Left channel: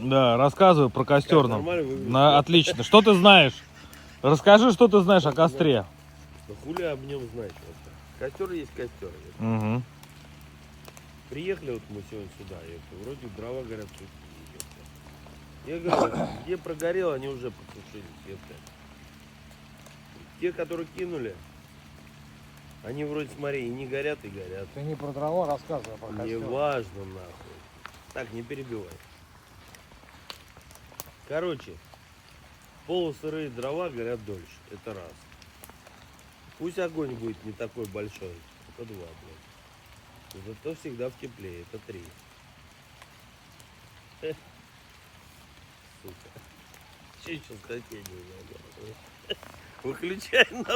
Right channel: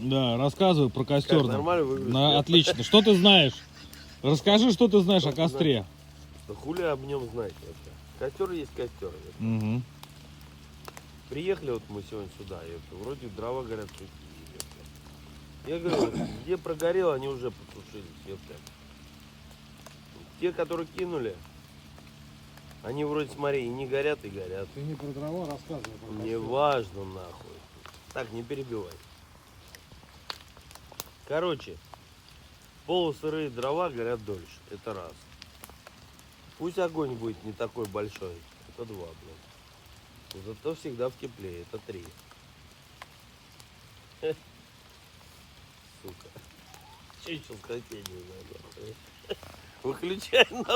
Да, рассказывай про костер. Нормально выглядит? Отлично. Что ты знаешь? Расскажи, что ты знаешь о костре. Да хули об нем знать вообще. Костер есть костер. Угу. Приехали вот мы сегодня сюда, вроде дрова горят тут. Я говорю, где прогорел, они уже потушились. Те, которые кинули, они вроде, смотри, и не горят, и горят. Ты не про дрова рассказывай, а про костер. Не важно, нахуй. Так, не перебивай. Короче, полусырые дрова горят дольше. Это раз. Пусть огонь будет не такой большой. Это два, блядь. Зато всегда в тепле. Это три. Сука. Че еще статей не надо? Выключай нахуй.